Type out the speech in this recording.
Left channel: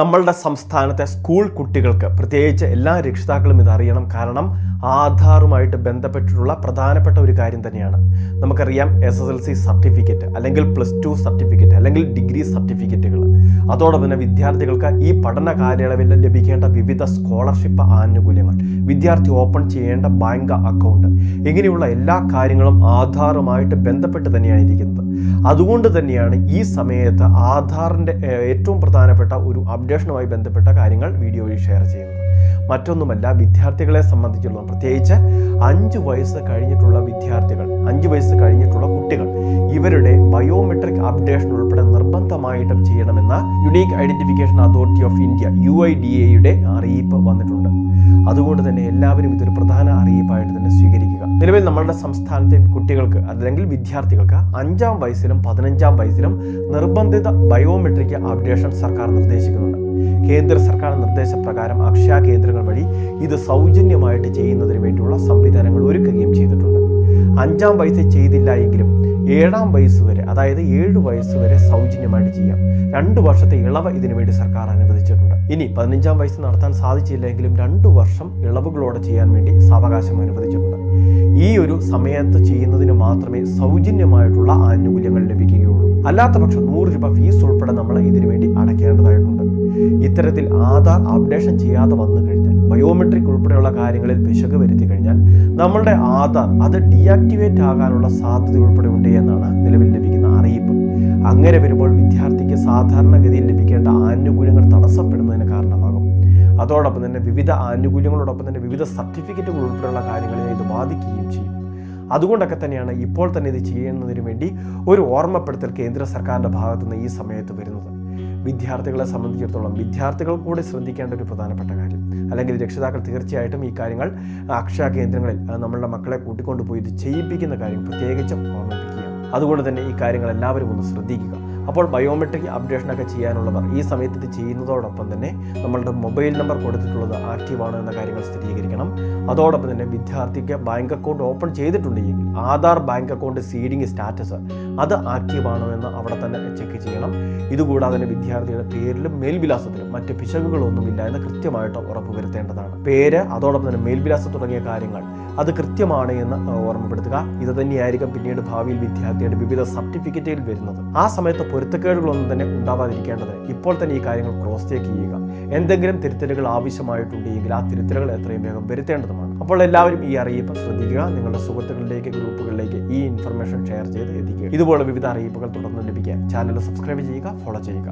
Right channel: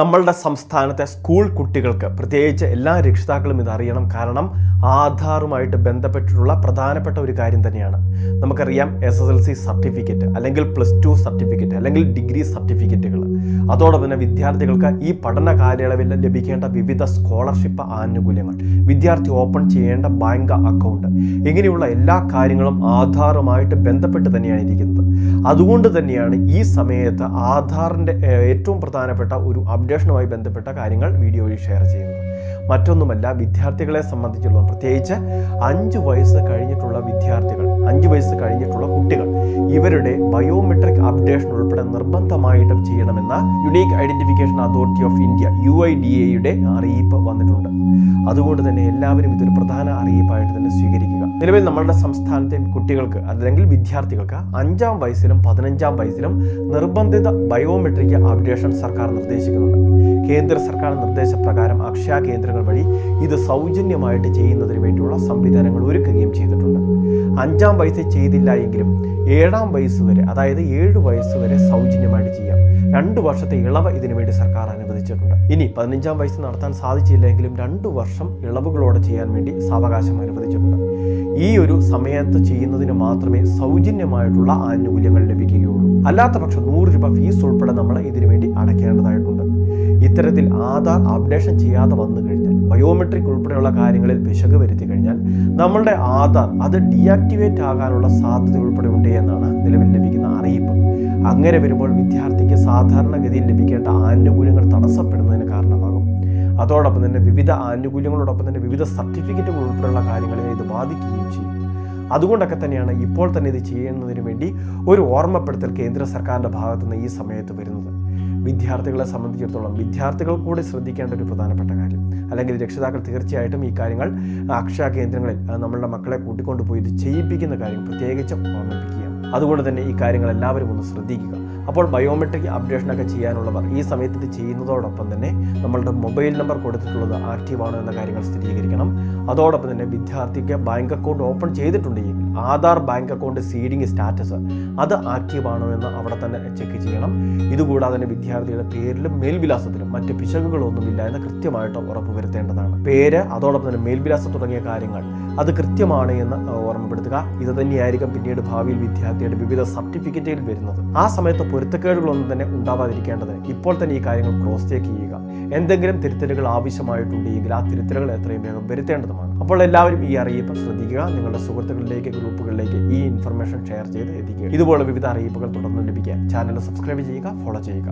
നമ്മളുടെ സംസ്ഥാനത്തെ സ്കൂൾ കുട്ടികൾക്ക് പ്രത്യേകിച്ച് എല്ലാ രക്ഷിതാക്കളും ഇതറിയണം. കാരണം ആധാറുമായിട്ട് ബന്ധപ്പെട്ടിട്ടുള്ള പ്രധാനപ്പെട്ട ഒരു കാര്യം തന്നെയാണ്. നമുക്കറിയാം SSLC സർട്ടിഫിക്കറ്റ് അല്ലെങ്കിൽ +2 സർട്ടിഫിക്കറ്റ് അല്ലെങ്കിൽ ഡിഗ്രി സർട്ടിഫിക്കറ്റുകൾ, അതോടൊപ്പം തന്നെ വിദ്യാർത്ഥികൾക്ക് ഈ പഠന കാലയളവിൽ ലഭിക്കേണ്ട വിവിധ സ്കോളർഷിപ്പ് ആനുകൂല്യങ്ങൾ, വിദ്യാർത്ഥി ഓപ്പൺ ചെയ്യേണ്ട ബാങ്ക് അക്കൗണ്ട്, ഇങ്ങനെയുള്ള എല്ലാ കാര്യങ്ങളും ആധാറുമായിട്ട് ബന്ധപ്പെട്ട് തന്നെയാണ് ഇരിക്കുന്നത്. അതുകൊണ്ട് തന്നെയാണ് ഈ സമയത്ത് ആധാറിൻ്റെ ഏറ്റവും പ്രധാനപ്പെട്ട ഒരു അപ്ഡേഷനുമായി ബന്ധപ്പെട്ട കാര്യങ്ങൾ വീഡിയോ വഴി ഷെയർ ചെയ്യുന്നത്. മറ്റൊന്നുമല്ല, വിദ്യാർത്ഥികളെ സംബന്ധിച്ചിടത്തോളം പ്രത്യേകിച്ച് 5 വയസ്സ് കഴിഞ്ഞിട്ടുള്ള വിദ്യാർത്ഥികൾ, 5 വയസ്സ് കഴിഞ്ഞിട്ടുള്ള കുട്ടികൾ, ഇവരുടെ ബയോമെട്രിക് അപ്ഡേഷൻ ഉൾപ്പെടെ നിർബന്ധമായിട്ടും ചെയ്യണമെന്ന unique identification authority of India UIDAയുടെ അറിയിപ്പ് വന്നിട്ടുണ്ട്. അതുകൊണ്ട് തന്നെ എല്ലാവരും ഇതൊരു പ്രധാന അറിയിപ്പായിട്ട് തന്നെ സ്വീകരിക്കുക. നിലവിൽ നമ്മളുടെ സംസ്ഥാനത്തെ കുട്ടികൾക്ക് അല്ലെങ്കിൽ വിദ്യാർത്ഥികൾക്ക് 5-ാം വയസ്സിലും 15-ാം വയസ്സിലും നിർബന്ധിത ബയോമെട്രിക് അപ്ഡേഷൻ സർക്കാർ നിർദ്ദേശിക്കുന്നുണ്ട്. കേന്ദ്ര സർക്കാർ നിർദ്ദേശപ്രകാരം അക്ഷയ കേന്ദ്രങ്ങൾ വഴി ഇത് സൗജന്യമായിട്ട് ചെയ്യുന്നതിന് വേണ്ടിയുള്ള സംവിധാനങ്ങൾ ഒരുക്കുകയും ചെയ്തിട്ടുണ്ട്. 5-ാം വയസ്സിൽ ചെയ്തില്ല എങ്കിലും 7-ാം വയസ്സ് വരെ, അതായത് 7 വയസ്സ് വരെ സൗജന്യമായിട്ട് ചെയ്യാം. 2 വർഷത്തെ ഇളവ് ഇതിനു വേണ്ടി സർക്കാർ അനുവദിച്ചിട്ടുണ്ട്. ഇനി 15-ാം വയസ്സ് നടത്താൻ സാധിച്ചില്ലെങ്കിലും 2 വർഷം ഇളവുകളോടെ ചെയ്യാൻ വേണ്ടി സാവകാശം അനുവദിച്ചിട്ടുണ്ട്. ഈ ഒരു സമയത്ത് ചെയ്യുന്നതിന് മാത്രമേ സൗജന്യമായിട്ടുള്ള ആനുകൂല്യങ്ങൾ ലഭിക്കുകയുള്ളൂ. അല്ലാത്ത പക്ഷം 100 രൂപ ഫീസ് ഉൾപ്പെടെ നമ്മൾ ഇതിനു വേണ്ടി അടയ്ക്കേണ്ടതായിട്ടുണ്ട്. ഇത്തരത്തിൽ ആധാർ അപ്ഡേഷൻ ചെയ്യാതെ വന്നു കഴിഞ്ഞാൽ, ബയോമെട്രിക് ഉൾപ്പെടെയുള്ള കാര്യങ്ങളിൽ പിശക് വരുത്തി കഴിഞ്ഞാൽ നമ്മളുടെ ആധാർ അത് ഡീആക്ടിവേറ്റ് ആകാനുള്ള സാധ്യത ഉൾപ്പെടെ ഉണ്ട് എന്നാണ് നിലവിൽ ലഭിക്കുന്ന അറിയിപ്പ്. അങ്ങനെ വരുമ്പോൾ വിദ്യാർത്ഥിക്ക് സാധാരണഗതിയിൽ ലഭിക്കേണ്ട ആനുകൂല്യങ്ങൾ തടസ്സപ്പെടുന്നതിന് കാരണമാകും. അതോടൊപ്പം തന്നെ വിവിധ ആനുകൂല്യങ്ങളോടൊപ്പം തന്നെ വിവിധ സർട്ടിഫിക്കറ്റുകൾ ഉൾപ്പെടെയുള്ള കാര്യങ്ങളെ ഇത് ബാധിക്കുകയും ചെയ്യും. അതുകൊണ്ടൊക്കെ തന്നെയാണ് ഇപ്പോൾ തന്നെ ഇത് ചെയ്യുന്നതിന് വേണ്ടി ഒരു ഓർമ്മപ്പെടുത്തൽ കേന്ദ്ര സർക്കാരിൻ്റെ ഭാഗത്തുനിന്ന് ഈ സമയത്ത് വരുന്നത്. വിദ്യാർത്ഥികളെ സംബന്ധിച്ചിടത്തോളം വിദ്യാർത്ഥികൾ കൂടി ശ്രദ്ധിക്കേണ്ട ഒരു പ്രധാനപ്പെട്ട കാര്യം, അല്ലെങ്കിൽ രക്ഷിതാക്കൾ തീർച്ചയായിട്ടും ഈ കാര്യങ്ങൾ അക്ഷയ കേന്ദ്രങ്ങളിൽ നമ്മളുടെ മക്കളെ കൂട്ടിക്കൊണ്ടുപോയി ഇത് ചെയ്യിപ്പിക്കുന്ന കാര്യം പ്രത്യേകിച്ചും ഓർമ്മിപ്പിക്കുകയാണ്. അതുകൊണ്ട് തന്നെ ഈ കാര്യങ്ങൾ എല്ലാവരും ഒന്ന് ശ്രദ്ധിക്കുക. അപ്പോൾ ബയോമെട്രിക് അപ്ഡേഷനൊക്കെ ചെയ്യാനുള്ളവർ ഈ സമയത്ത് ഇത് ചെയ്യുന്നതോടൊപ്പം തന്നെ നമ്മളുടെ മൊബൈൽ നമ്പർ കൊടുത്തിട്ടുള്ളത് ആക്റ്റീവാണ് എന്ന കാര്യങ്ങൾ സ്ഥിരീകരിക്കണം. അതോടൊപ്പം തന്നെ വിദ്യാർത്ഥിക്ക് ബാങ്ക് അക്കൗണ്ട് ഓപ്പൺ ചെയ്തിട്ടുണ്ടെങ്കിൽ Aadhaar bank account seeding status അത് ആക്റ്റീവാണോ എന്ന് അവിടെ തന്നെ ചെക്ക് ചെയ്യണം. ഇതുകൂടാതെ തന്നെ വിദ്യാർത്ഥിയുടെ പേരിലും മേൽവിലാസത്തിലും മറ്റ് പിശകുകളൊന്നുമില്ല എന്ന് കൃത്യമായിട്ട് ഉറപ്പുവരുത്തേണ്ടതാണ്. പേര്, അതോടൊപ്പം തന്നെ മേൽവിലാസം തുടങ്ങിയ കാര്യങ്ങൾ അത് കൃത്യമാണ് എന്ന് ഓർമ്മപ്പെടുത്തുക. ഇത് തന്നെയായിരിക്കും പിന്നീട് ഭാവിയിൽ വിദ്യാർത്ഥിയുടെ വിവിധ സർട്ടിഫിക്കറ്റുകൾ വരുന്നത്. ആ സമയത്ത് പൊരുത്തക്കേടുകളൊന്നും തന്നെ ഉണ്ടാവാതിരിക്കേണ്ടത് ഇപ്പോൾ തന്നെ ഈ കാര്യങ്ങൾ ക്രോസ് ചെക്ക് ചെയ്യുക. എന്തെങ്കിലും തിരുത്തലുകൾ ആവശ്യമായിട്ടുണ്ടെങ്കിൽ ആ തിരുത്തലുകൾ എത്രയും വേഗം വരുത്തേണ്ടതുമാണ്. അപ്പോൾ എല്ലാവരും ഈ അറിയിപ്പ് ശ്രദ്ധിക്കുക. നിങ്ങളുടെ സുഹൃത്തുക്കളിലേക്ക്, ഗ്രൂപ്പുകളിലേക്ക് ഈ ഇൻഫർമേഷൻ ഷെയർ ചെയ്ത് എത്തിക്കുക. ഇതുപോലെ വിവിധ അറിയിപ്പുകൾ തുടർന്ന് ലഭിക്കാൻ ചാനൽ സബ്സ്ക്രൈബ് ചെയ്യുക, ഫോളോ ചെയ്യുക.